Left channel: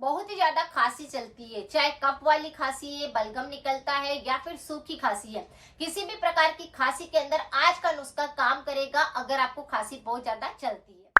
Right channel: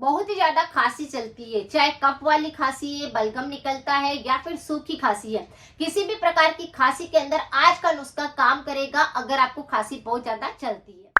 बहुत ही ज्यादा खांसी चलती है, चाहे कफ वाली खांसी है, बलगम निकलता है या फिर सूखी खांसी है। किसी भी प्रकार की खांसी के अंदर आज का नुस्खा काम करेगा अगर आपको खांसी बहुत ज्यादा चलती है।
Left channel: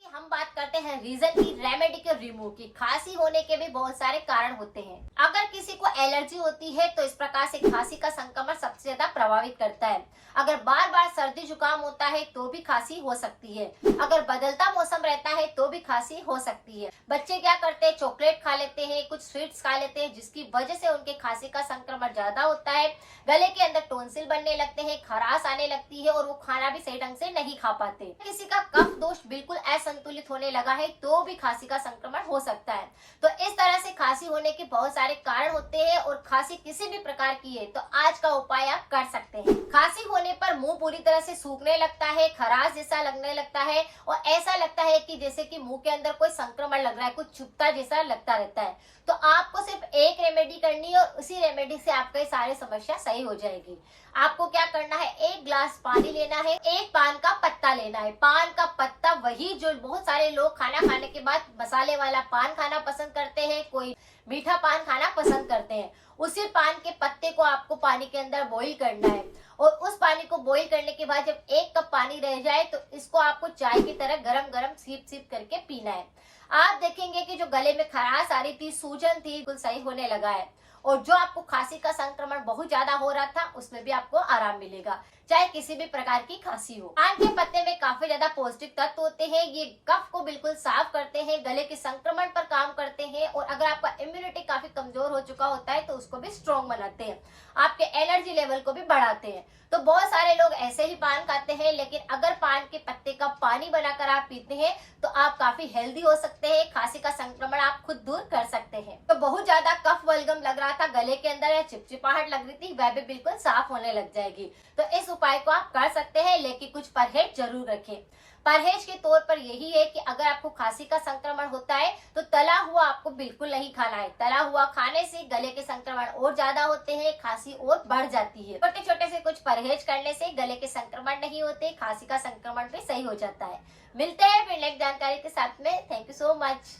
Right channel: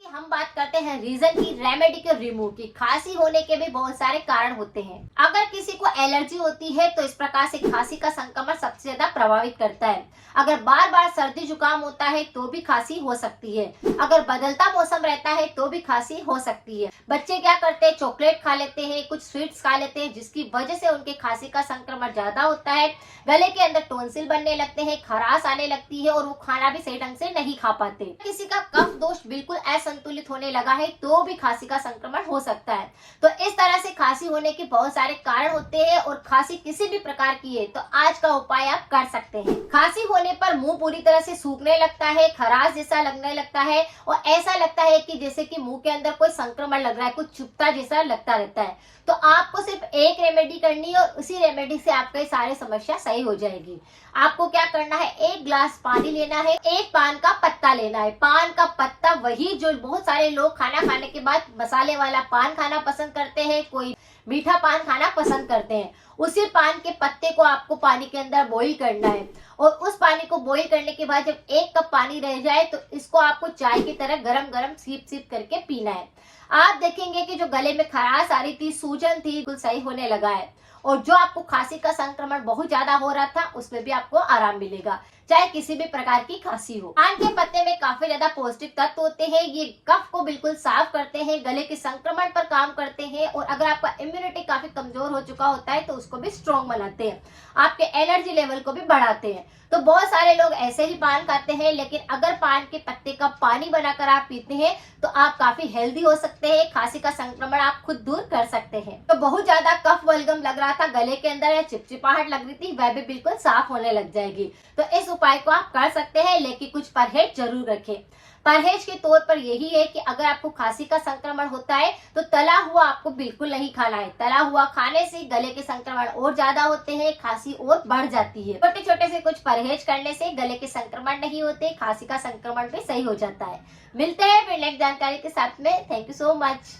कि हम बात करते हैं रीजन की, रेमेडी के रिमूव की। खांसी होने के भी बहुत सारे कारण होते हैं। अगर किसी को एलर्जी होती है तो इस प्रकार से खांसी का संक्रमण सबसे ज्यादा प्रभावित करता है। अगर बार बार सर्दी जुकाम होता है तो भी खांसी हो सकती है। अगर बदलता मौसम रहता है तो भी खांसी हो सकती है। बच्चे क्या करते हैं, चॉकलेट खा लेते हैं, कुछ स्वीट्स खा लेते हैं, जिसकी वजह से उनके खांसी का संक्रमण ज्यादा होता है। गले के अंदर टॉन्सिल बनने लगते हैं, खराश आने लगती है और वो खाना भी सही ढंग से नहीं खा पाते। किसी का कफ दोष बिल्कुल असंतुलित होने लगा है तो भी खांसी का संक्रमण हो सकता है। तो इस तरह से खांसी होने के बहुत सारे कारण होते हैं और खांसी किसी भी प्रकार की है तो आज का उपाय आप कर सकते हैं। खांसी होने पर मुंह पूरी तरह से सूखने लगता है, खराश जैसा लगने लगता है और ऐसा लगता है कि जैसे कि मुंह के अंदर कोई संक्रमण लग रहा है, कुछ चुभता जैसा लगता रहता है। तो आपको सिर्फ एक रेमेडी करनी है और उसी रेमेडी से आपका ये सारी समस्या सही हो जाएगी। आपको क्या करना है, एक ग्लास पानी लेना है, एक पान का पत्ता लेना है। पान का पत्ता वही जो बहुत सारे लोग खाना खाने के बाद मसाले वाला पान खाना पसंद करते हैं, कोई मीठा पान खाना पसंद करते हैं। उसी पान के पत्ते को आपको पानी के अंदर बॉईल करना है और उस पानी को बॉईल करने के बाद जब 1 कप पानी रह जाए तो इसको आपको चाय की तरह गरम गरम सीप सीप करके पीना है। आप देखेंगे कि जो गले में खराश आ रही थी, सूजन थी, बिल्कुल सही होने लगा है और जो आपको खांसी का संक्रमण बहुत ज्यादा हो रहा था उसमें भी आपको आराम मिलेगा, चाहे किसी भी प्रकार की खांसी हो। पान के पत्ते में काफी ज्यादा पौष्टिक तत्व होते हैं, ये कफ को बिल्कुल साफ करते हैं, गले के संक्रमण पर काम करते हैं और अगर आपका इम्यूनिटी काफी कमजोर हो चुका होता है तो उसको भी स्ट्रॉन्ग बनाते हैं, आपके एनर्जी लेवल को भी बढ़ाते हैं। तो बहुत सारे लोग ऐसे ही पान खाते हैं, लेकिन अगर पान के पत्ते का पानी बनाकर आप पीते हैं तो आप काफी हेल्दी हो सकते हैं, खांसी का संक्रमण आप खुद दूर कर सकते हैं। तो बहुत ज्यादा कफ बलगम लग रहा था गले के अंदर या चिपचिपाहट लग रही थी, वह भी बिल्कुल साफ होने लग जाएगी। तो इस उपाय को आप कर सकते हैं, लेकिन कुछ परहेज जरूर रखें। परहेज के तौर पर यही है कि अगर आपको खांसी का संक्रमण होता है तो तला हुआ आपको बिल्कुल नहीं खाना है। तला हुआ खाने से गले के संक्रमण और ज्यादा होते हैं, खांसी और बढ़ जाती है। छोटे छोटे से कुछ परहेज करने से गले के संक्रमण नहीं होते, खांसी का संक्रमण भी सही हो जाता है। मिलते हैं फिर नेक्स्ट जानकारी के साथ में। Thank you so much.